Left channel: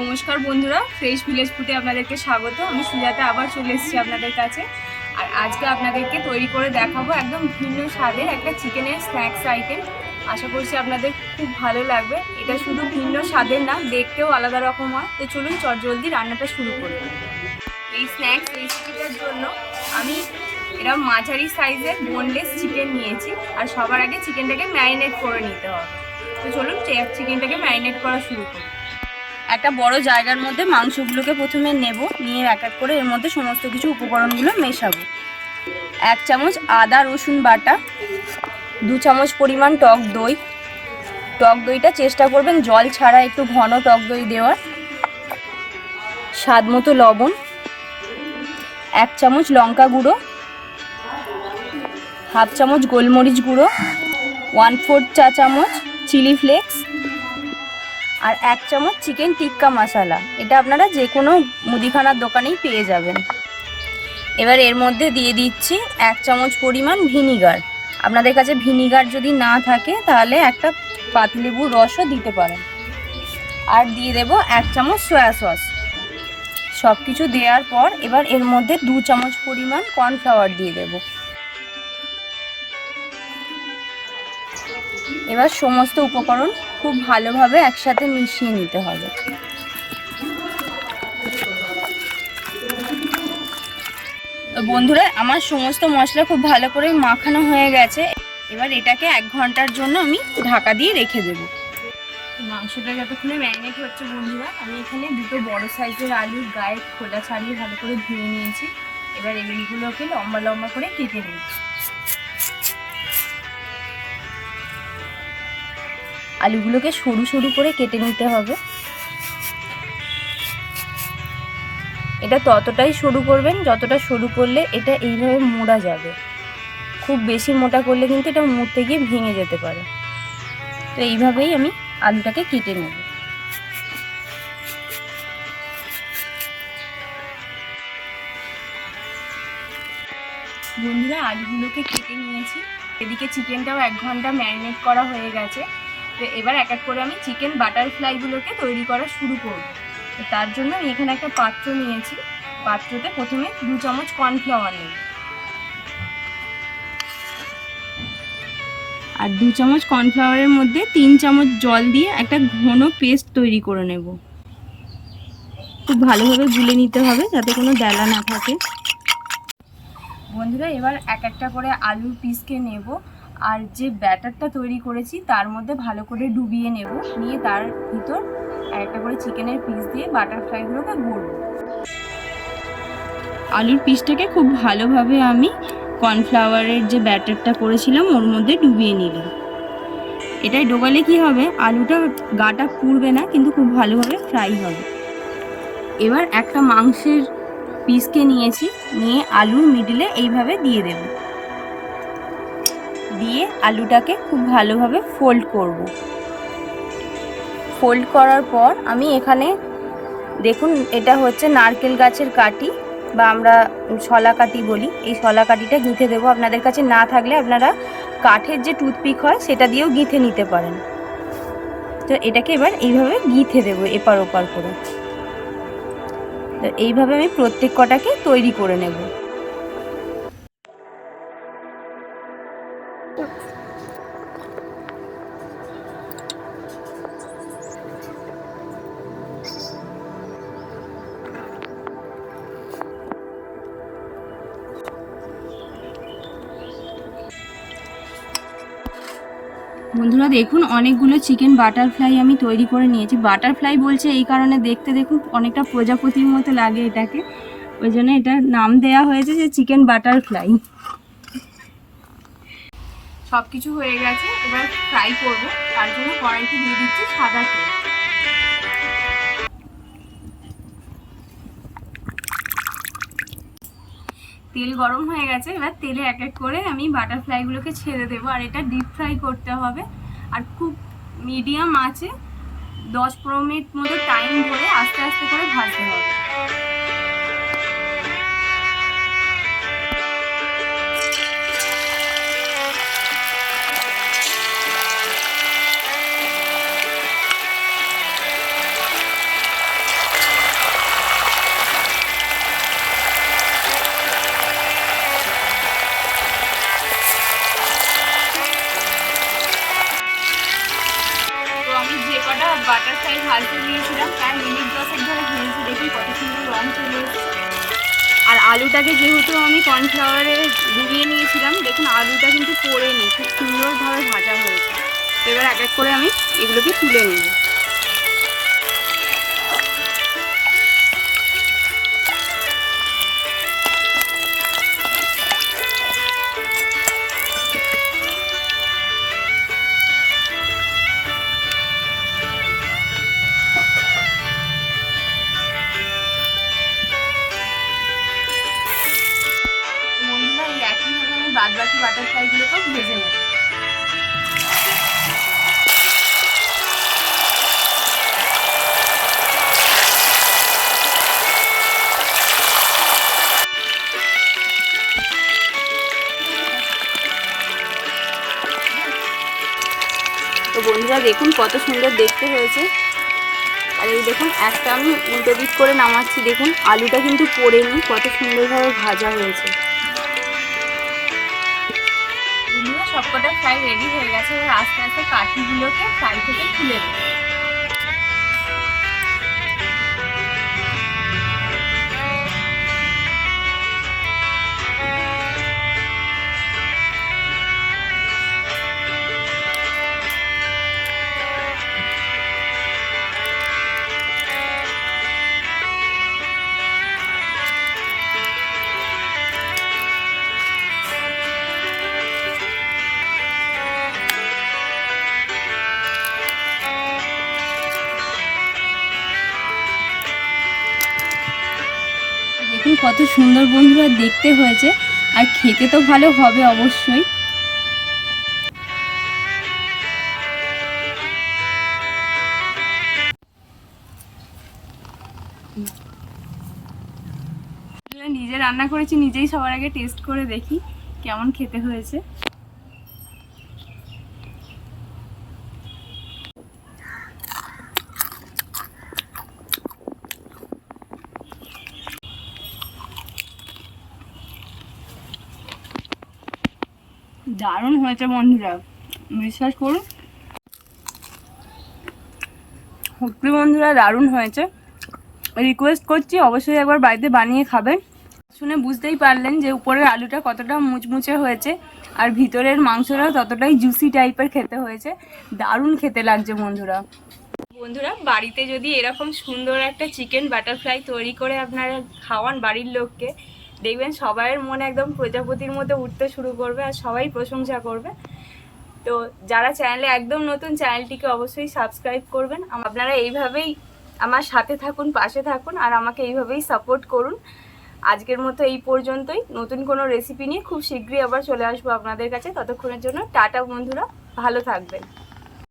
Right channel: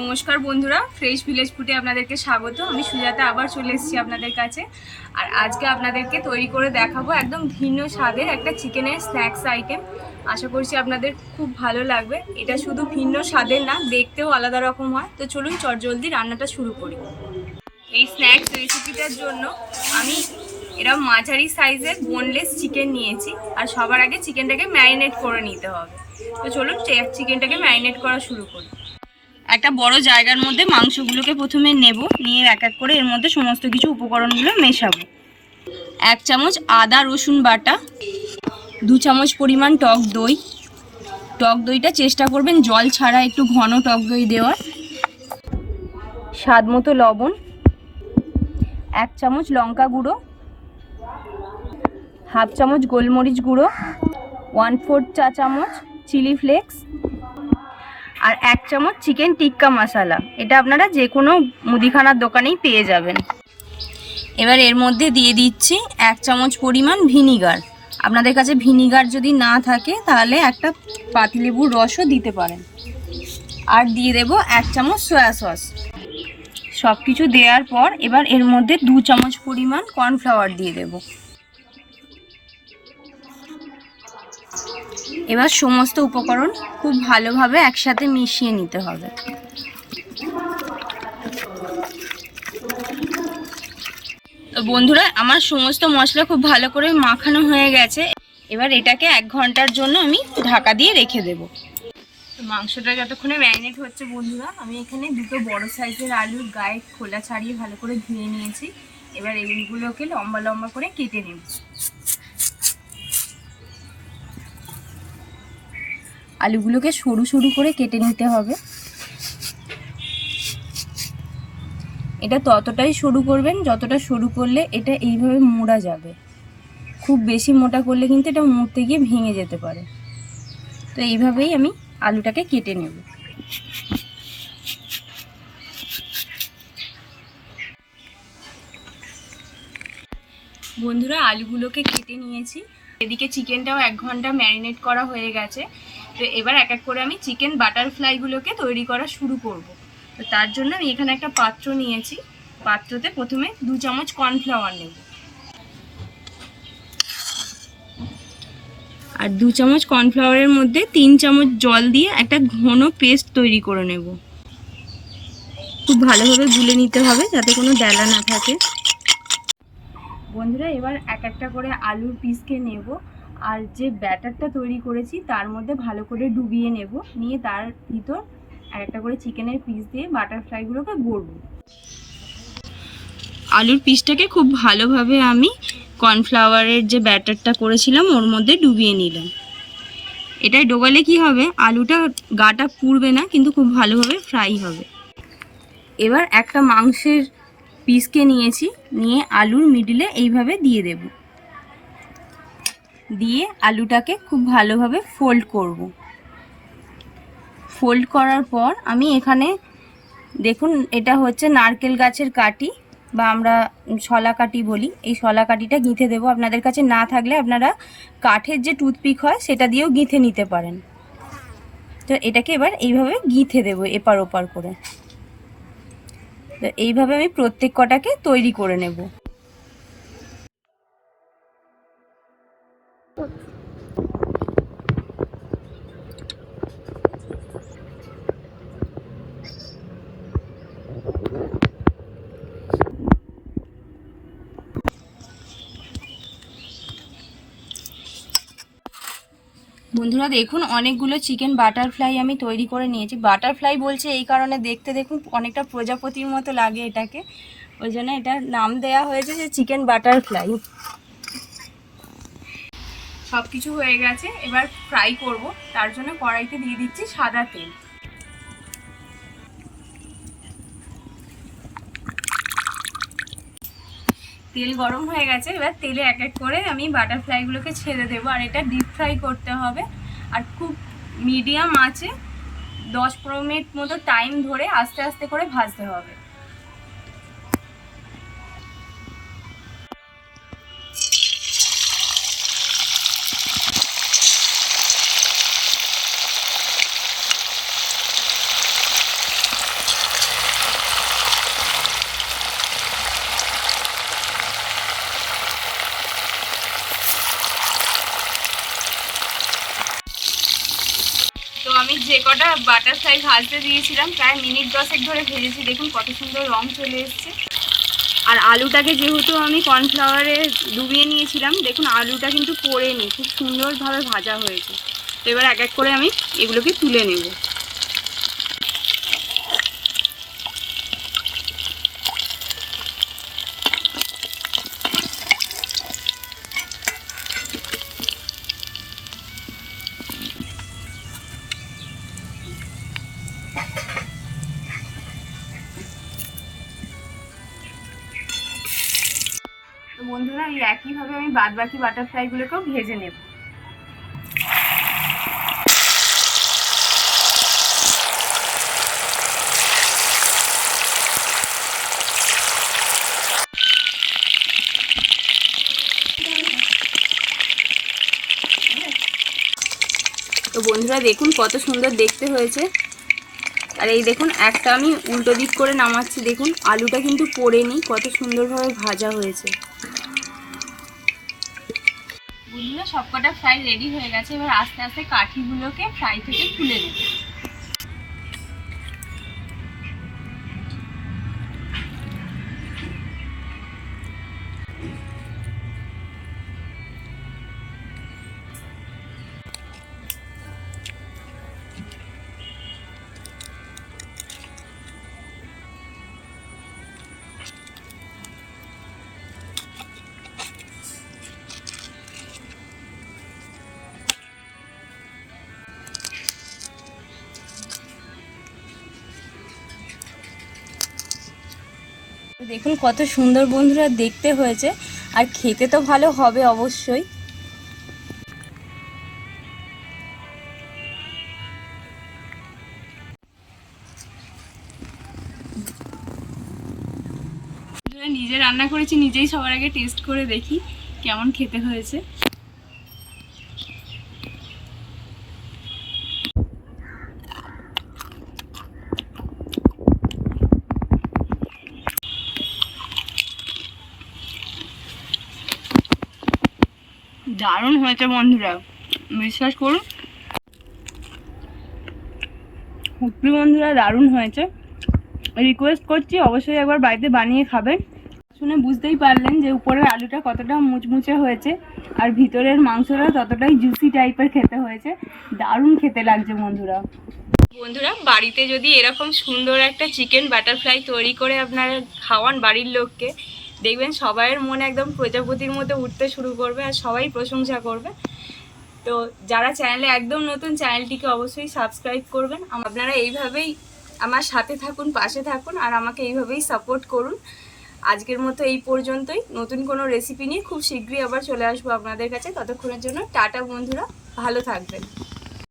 নমস্কার বন্ধুরা, fresh village ফুডে আপনাদেরকে স্বাগত। আমি সুজাতা আবার চলে এসেছি আপনাদের কাছে। আর আজকে আপনাদেরকে তৈরি করে দেখাবো একদম ভিন্ন স্বাদের একটা চিকেনের স্ন্যাক্স আইটেম। আশা করছি আপনাদের খুব ভালো লাগবে। এটা শুধু ভিন্ন স্বাদের না, দেখতেও আলাদা রকম হয়। তো চলুন চটজলদি রান্নাটা শুরু করি। এই স্ন্যাক্স রেসিপিটার জন্য আমি এরকম মাঝারি সাইজের বোনলেস চিকেন নিয়েছি। আর সবার আগে চিকেনটাকে ম্যারিনেট করে নিতে হবে। তো চলুন চিকেনটাকে ম্যারিনেট করা শুরু করি। একটা বড় জায়গার মধ্যে মাংসগুলোকে প্রথমে নেব, নিয়ে এক এক করে এর মধ্যে সমস্ত কিছু উপকরণগুলো মেশাবো। 1 চামচ আদা রসুন বাটা, 2 চামচ পরিমাণ টক দই। টক দইটা চেষ্টা করবেন জল ছাড়া একটু ঘন টক দই দেওয়ার। স্বাদ মতো লবণ, 1 চামচ লঙ্কা গুঁড়ো, হাফ চামচ গোলমরিচ গুঁড়ো, 1/4 চা চামচ চিলি ফ্লেক্স, আর 1 চামচ চিকেন টিক্কা মশলা। এটা আপনারা যে কোনো মুদিখানার দোকানেই পেয়ে যাবেন। এবার এর মধ্যে দিয়ে দিচ্ছি 1 চামচ পরিমাণ ভিনিগার। আপনাদের কাছে ভিনিগার যদি না থাকে তাহলে একটা পাতিলেবুর রসও দিতে পারেন। আর দিয়ে দেব 1 চামচ সয়া সস। সব কিছু দেওয়ার পর এবার এর মধ্যে 2 চামচ পরিমাণ কর্নফ্লাওয়ার দিয়ে দেব। এবার সমস্ত উপকরণ খুব ভালোভাবে একসাথে মিশিয়ে নিতে হবে। বন্ধুরা, আমার সমস্ত মশলা খুব ভালো করে মাখানো হয়ে গেছে। এবার এটাকে 1 ঘন্টার জন্য আমি ঢাকা দিয়ে রেখে দেব। মাংসটা যতক্ষণে ম্যারিনেট হচ্ছে বন্ধুরা, আমি এখানে 2 বড় সাইজের আলুর গায়ে খোলা ছাড়িয়ে ভালো করে ধুয়ে নিয়েছি। এবার এইগুলোকে লম্বা লম্বা করে কেটে নেব। আলুগুলোকে সরু সরু করে কেটে নিতে হবে। এটা ততটাই সরু করবেন যতটা সরু করলে এটা এইভাবে মোড়া যাবে। খুব বেশি মোটা করলে কিন্তু এটা মুড়তে গিয়ে ভেঙে যেতে পারে। তো এইভাবেই আমি আলুটাকে কেটে নেব। বন্ধুরা, আলুগুলোকে কেটে নিয়েছি। এদিকে চিকেনটাও 1 ঘন্টা ম্যারিনেট করা হয়ে গেছে। তো এবার এক এক করে আমি চিকেন বাটারফ্লাইগুলোকে তৈরি করা শুরু করব। তো তার জন্য আমি এখানে একটা পাত্র নিয়েছি। পাত্রতে প্রথমে 2 চামচ কর্নফ্লাওয়ার নেব, আর 2 চামচ কর্নফ্লাওয়ারের মধ্যে 3 চামচ জল দিয়ে একটা ঘন পেস্ট তৈরি করে নেব। খুব ভালোভাবে গুলে নিতে হবে যাতে কোনো দানা না থাকে। বন্ধুরা, এবার এক একটা করে আলুর পিসকে নেব, আর যে ব্যাটারটা তৈরি করেছি তার মধ্যে ভালো করে ডুবিয়ে নেব। নিয়ে তার ভিতর একটা করে চিকেনের পিস দিয়ে বাটারফ্লাইগুলোকে ভরব। আলুর পিসটাকে খুব ভালোভাবে আমি কর্নফ্লাওয়ারের যে ব্যাটারটা করেছিলাম ওর মধ্যে ডুবিয়ে নিলাম। এটাই ডোবালে কি হবে, আলুটা গাটা পুড়বে না, কিন্তু খুব ভালোভাবে ফ্রাই হবে। এবার একটা মাংসের পিসকে নিয়েছি, নিয়ে আলুর মিডলে এইভাবে দিয়ে দেব। দিয়ে আলুটাকে খুব ভালোভাবে ফোল্ড করব। ফোল্ড করার পর আমি এখানে দেখুন, এটা হচ্ছে নারকেল গাছের কাঠি বা আমরা শলা কাঠি বলি। এই শলা কাঠিটা গিঁথে দেবো। আপনাদের কাছে না থাকলে আপনারা কাঠের যে টুথপিক হয় সেটা দিয়েও গিঁথে নিতে পারেন। তো এটাকে এবার এইভাবে গিঁথে দেবো এপার ওপার করে। তো এইভাবে আমি প্রত্যেক কটাকে তৈরি করে নেব। বন্ধুরা দেখুন, অনেকগুলো চিকেন বাটারফ্লাই আমি তৈরি করে নিয়েছি। বাটারফ্লাই বলছে এই কারণে, দেখতে দেখুন অনেকটা প্রজাপতির মতো লাগে এটাকে, ওই জন্য এটার নাম দেয়া হয়েছে যে চিকেন বাটারফ্লাই। সব কিছু হয়ে গেছে, এবার ফ্রাই করব। তার জন্য কড়াইতে দিয়ে দিচ্ছি সাদা তেল। তেল গরম হয়ে গেছে। এবার তেলে এক এক করে আমি বাটারফ্লাইগুলোকে ছেড়ে দেবো। আর এটা ডিপ ফ্রাই করতে হবে, আর খুব মিডিয়াম আঁচে 10-15 মিনিট মতো টাইম ধরে আস্তে আস্তে করে ভাজতে হবে। বাটারফ্লাই ভাজতে দিয়েছিলাম, প্রায় মিনিট 10 ধরে ভেজেছি। দেখুন কত সুন্দর রং চলে এসেছে। আর আলুটাকে যেহেতু আমি কর্নফ্লাওয়ারে ডুবিয়ে নিয়েছিলাম, দেখুন আলুটা কিন্তু পড়েনি, খুব সুন্দরভাবে ভাজা হয়েছে। এবার এক এক করে আমি এগুলোকে তুলে নেব। বন্ধুরা এই একইভাবে আমি বাদবাকি বাটারফ্লাইগুলোকেও ভেজে নেব। তো বন্ধুরা দেখুন কত সুন্দর দেখতে হয়েছে। আর এই দেখুন একটা আমি উল্টো দিক করে নামাচ্ছি, দেখুন আলুটা কিন্তু পড়েনি, কত সুন্দরভাবে ভাজা হয়েছে। বন্ধুরা সবকটা ফ্রাই রেডি হয়ে গেছে। এবার আস্তে আস্তে কাঠিগুলোকে ফ্রাই থেকে তুলে নেব। দেখুন কত সুন্দর বন্ধুরা দেখতে হয়েছে, আর খেতে তো ভালো হবে অবশ্যই। নিজে রান্না করেছি, নিজেই সবার আগে টেস্ট করে দেখি কেমন খেতে হয়েছে। দারুণ হয়েছে বন্ধুরা, বিশ্বাস করুন সত্যি বন্ধুরা দারুণ হয়েছে। রিকোয়েস্ট করছি অবশ্যই একবার বাড়িতে বানিয়ে খাবেন। শুনে বুঝতেই পারলেন যে উপরের আলুটা কতটা মুচমুচে হয়েছে, আর ভিতরের মাংসটাও ততটাই জুসি টাইপের খেতে হয়েছে। দারুণ খেতে লাগছে বন্ধুরা। বন্ধুরা বাড়িতে যদি এরকম সুন্দর একটা চিকেন বাটারফ্লাই তৈরি করে আপনারা খাওয়ান বাড়ির লোককে, দেখবেন সবাইয়ের মনে একদম প্রজাপতির মতো উঠতে শুরু করবে, আর সবাই প্রশংসা করবে। তো যারা চ্যানেলে একদম নতুন, চ্যানেলটিকে অবশ্যই সাবস্ক্রাইব করবেন। আপনারা এইভাবেই আমার সাথে থাকুন, পাশে থাকুন, আর আমাকে এইভাবেই সাপোর্ট করুন। আজকের মতো এই পর্যন্তই। নতুন কোনো রেসিপি নিয়ে খুব শীঘ্রই আবার চলে আসবো আপনাদের কাছে। ততক্ষণের জন্য টাটা বন্ধুরা, ভালো থাকবেন।